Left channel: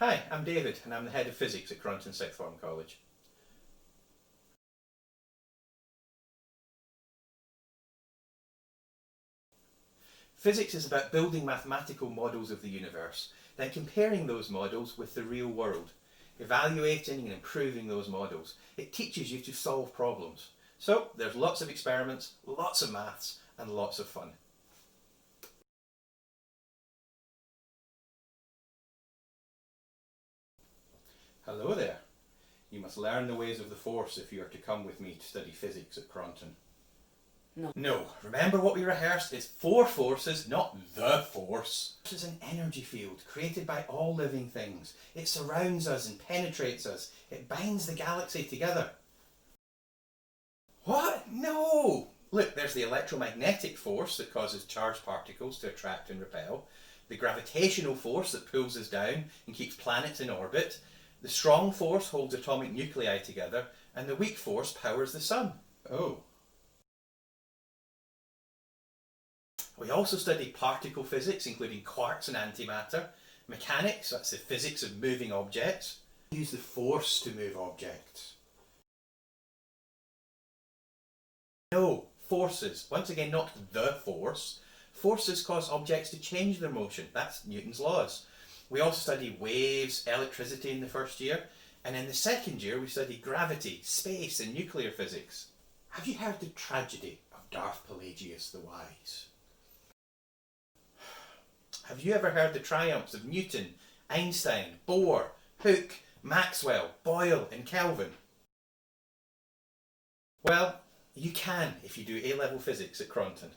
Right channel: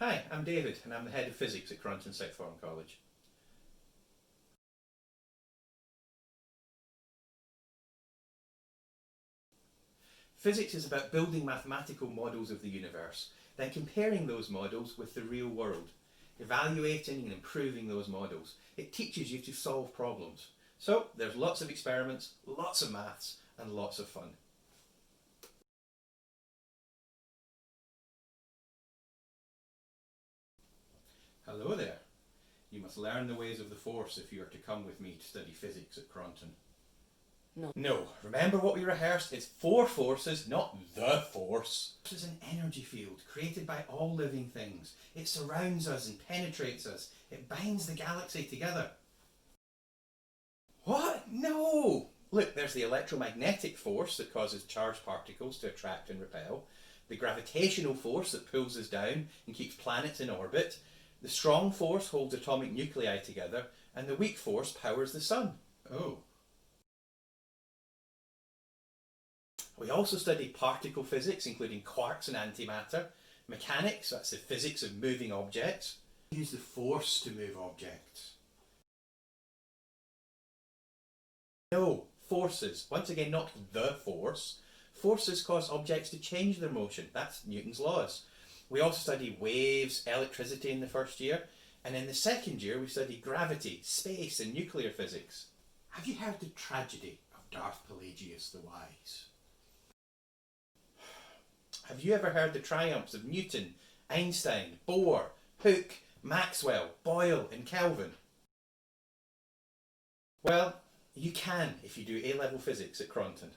Hi, I'm David and I'm the head of physics at Cronton Sixth Form College. Physics is about building mathematical models of the universe, then comparing those models with the real world, evaluating and improving those models. It teaches you to solve problems. So there's lots of experiments, lots of maths and lots of fun. Hello there. You must learn the ways of the force if you are to come with me to study physics at Cronton. No, remember what we rehearsed? It's four forces, not the force. This is an energy field created by all living things. It surrounds us and penetrates us. It binds the galaxy together. What? No! Look, there's the electromagnetic force that causes charged particles to attract and repel, the gravitational force that pulls us down and keeps planets in orbit, the strong force holds atomic nuclei together, and the weak force powers the sun. Oh. We also studied particle physics, including quarks and antimatter, mechanics, that's the physics of moving objects. We use the force to move objects. No, forces. Once again, not the force. Forces cause objects to change their motion. That's Newton's laws. We also studied waves, electricity in the first year, and in the second year we studied gravity, space and nuclear physics. Have you heard the tragedy of Darth Pelagius the Wise? Have you ever heard the triumphs of Newton, Einstein, Bohr, Hooke, Maxwell, Boyle and Kelvin? Well, you can if you do A-level physics at Cronton.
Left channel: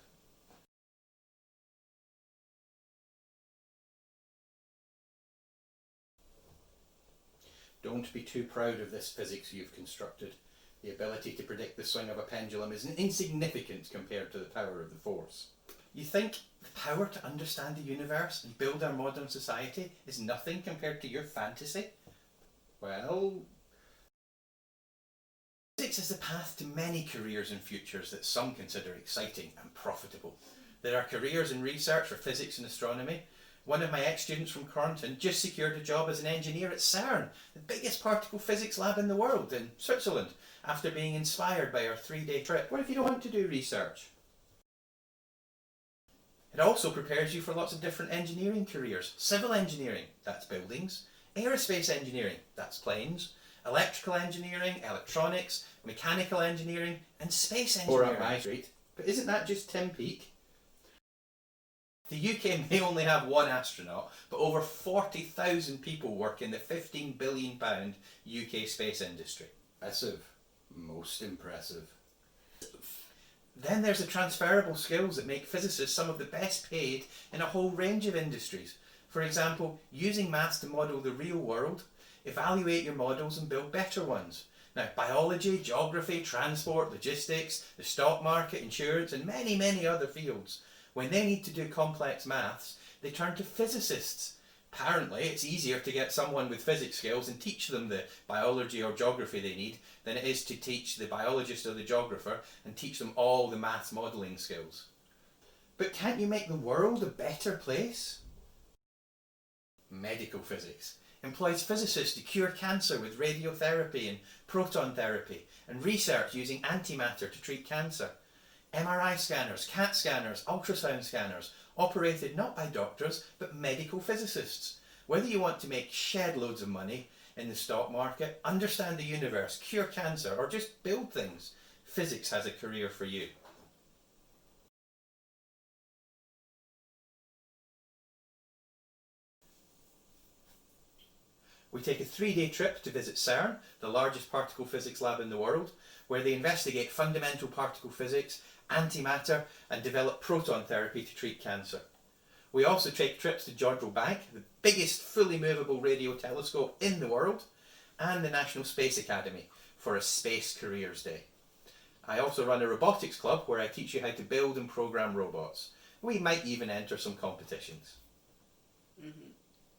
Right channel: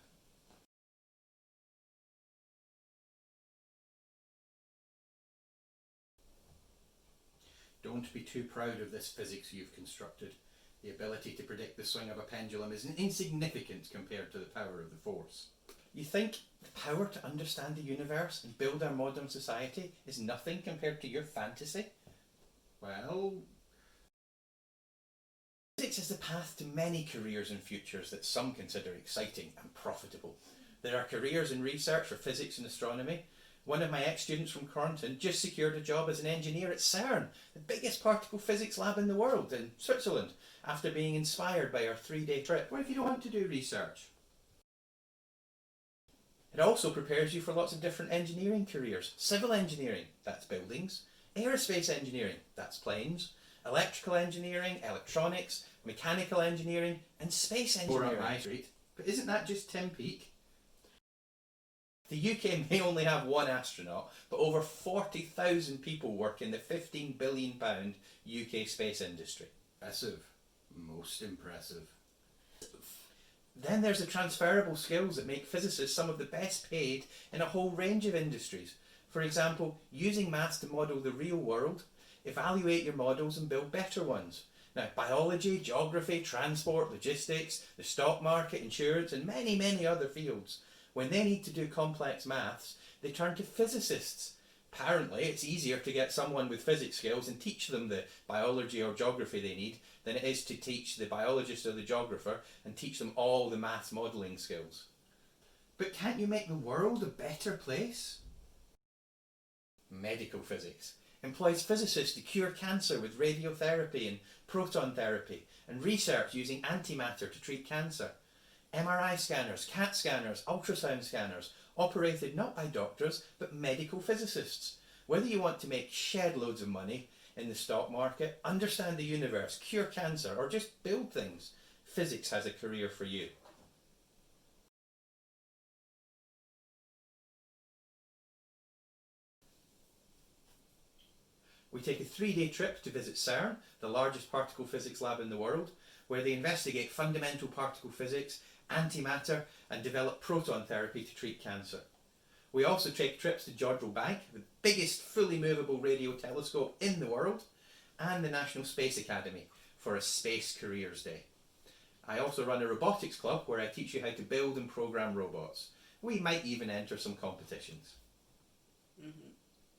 Don't be too proud of this physics you've constructed. The ability to predict the swing of a pendulum is insignificant compared to the power of the force. You think the power to understand the universe and build our modern society is nothing compared to your fantasy? Well, physics is the path to many careers and futures that some consider exciting and profitable. There are careers in research for physics and astronomy. One of my ex-students from Cronton just secured a job as an engineer at CERN, the biggest particle physics lab in the world, in Switzerland, after being inspired by our 3-day trip. What if you don't want to do research? It also prepares you for lots of different engineering careers. Civil engineering, that's buildings. Aerospace engineering, that's planes. Electrical engineering, electronics, mechanical engineering, and space engineering. Or up my street. But isn't that just Tim Peake? The UK may only have one astronaut, but over 40,000 people work in the £15 billion UK space industry. Impressive. Most impressive. Then there's the transferable skills that make physicists some of the best paid in a whole range of industries. For example, using maths to model the real world, evaluate your models and build better ones. Now, biology, geography, transport, logistics, the stock market, insurance and many other fields. When they need to do complex maths, they turn to physicists. Apparently, it's easier to get someone with physics skills and teach them the biology or geography they need than it is to teach the biologist or the geographer and teach them all the maths modelling skills. But can't you make the world a better place? Medical physics employs physicists to cure cancer with radiotherapy and proton therapy, and research using antimatter to treat cancer. MRI scanners, CAT scanners, ultrasound scanners, operated not by doctors but medical physicists. Whether you want to make shed loads of money in the stock market, understand the universe, cure cancer or just build things, physics has a career for you. We take a 3-day trip to visit CERN, the largest particle physics lab in the world, where they investigate fundamental particle physics, antimatter and develop proton therapy to treat cancer. We also take trips to Jodrell Bank, the biggest fully movable radio telescope in the world, and the National Space Academy for a Space Careers Day. I also run a robotics club where I teach you how to build and program robots. We might even enter some competitions.